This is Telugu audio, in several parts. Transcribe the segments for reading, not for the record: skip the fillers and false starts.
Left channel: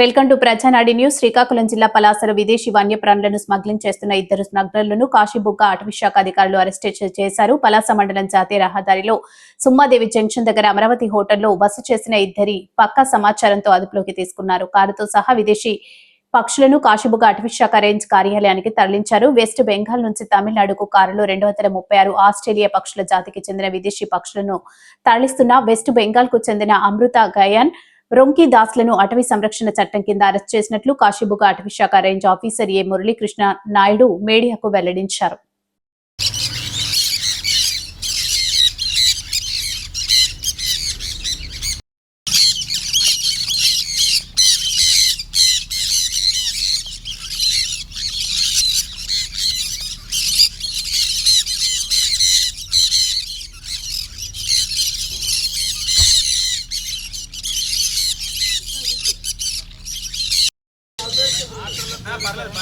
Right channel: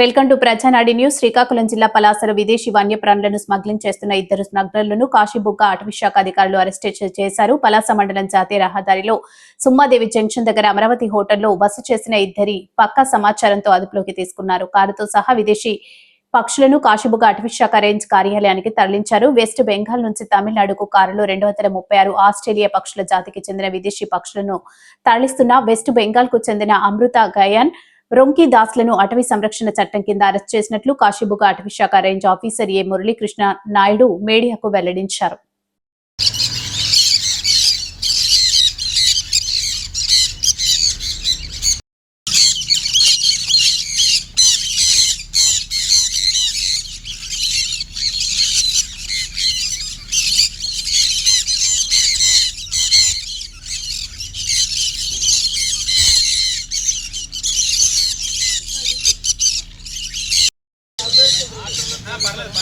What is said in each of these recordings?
Welcome to ప్రజానాడి news. శ్రీకాకుళం జిల్లా పలాసలో విదేశీ వన్యప్రాణులను స్మగ్లింగ్ చేస్తున్న ఇద్దరు స్మగ్లర్లను కాశీబుగ్గ అటవీశాఖ అధికారులు అరెస్ట్ చేశారు. పలాస మండలం జాతీయ రహదారిలో సుమ్మాదేవి జంక్షన్ దగ్గర అమరావతి హోటల్లో బస చేసిన ఇద్దరి పక్కా సమాచారంతో అదుపులోకి తీసుకున్నారు. కారుతో సహా విదేశీ పక్షులను కాశీబుగ్గ అటవీశాఖ రేంజ్ కార్యాలయానికి తరలించారు. వెస్ట్ బెంగాల్ నుంచి తమిళనాడుకు కారులో 236 ఆస్ట్రేలియా పక్షుల జాతికి చెందిన విదేశీ పక్షులను తరలిస్తున్న వెస్ట్ బెంగాల్ కు చెందిన అమృత గయాన్, రొంకీ దాస్లను అటవీ సంరక్షణ చట్టం కింద అరెస్ట్ చేసినట్లు కాశీబుగ్గ అటవీశాఖ రేంజ్ ఆఫీసర్ ఏ మురళీకృష్ణ నాయుడు మీడియాకు వెల్లడించారు. పర్లేదు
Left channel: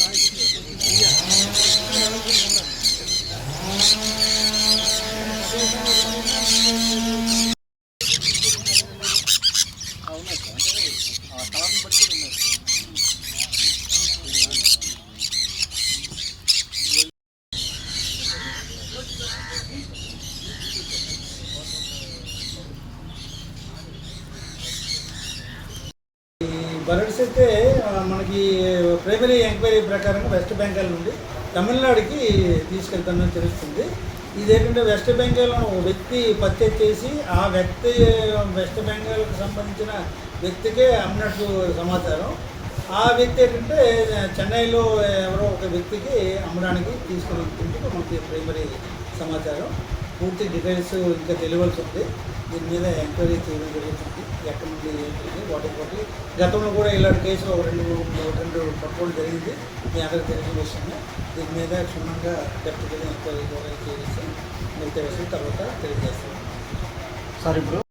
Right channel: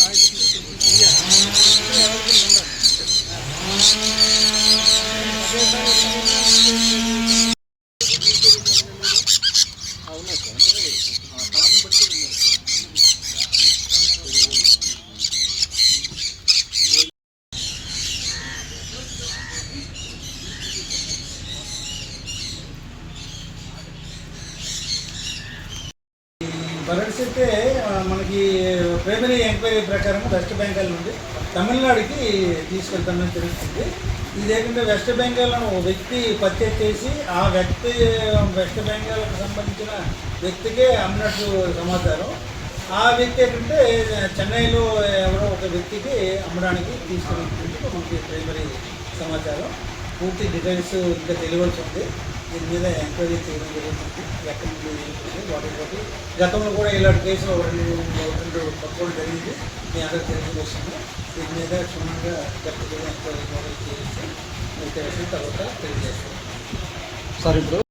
దానికి మళ్ళీ వెళ్ళిపోతుంది. అదే బర్డ్స్ అయితే మనకి ప్రైమరీ ఎంక్వైరీ ప్రకారం వెస్ట్ బెంగాల్ నుండి తమిళనాడుకి తీసుకెళ్తామని తెలుస్తుంది. ఇదేంటంటే వెస్ట్ బెంగాల్ వ్యక్తి పర్చేజ్ చేసి ఆ వ్యక్తి వెస్ట్ బెంగాల్కి సంబంధించిన వ్యక్తికే అమ్మినట్టు సమాచారం. ఆ వ్యక్తి ఏంటంటే చెన్నైలో ఎవరో ఒక వ్యక్తికి అమ్మడానికి తీసుకుని మనకి ప్రైమరీ సమాచారం. పూర్తి డీటెయిల్స్ ఇంకా తెలియవలసి ఉంది. దీని మీద ఎంక్వైరీ చేయడం జరుగుతుంది. ఎక్కడి నుండి వాటి గతంలో కూడా ఇలాంటి కేసులు రెండు పక్కలు జరిగింది. మీ అందరూ తెలిసిన విషయము. దీని మీద క్షుణ్ణంగా ఎంక్వైరీ చేసి తర్వాత తెలియజేస్తాం. సార్ ఇప్పుడు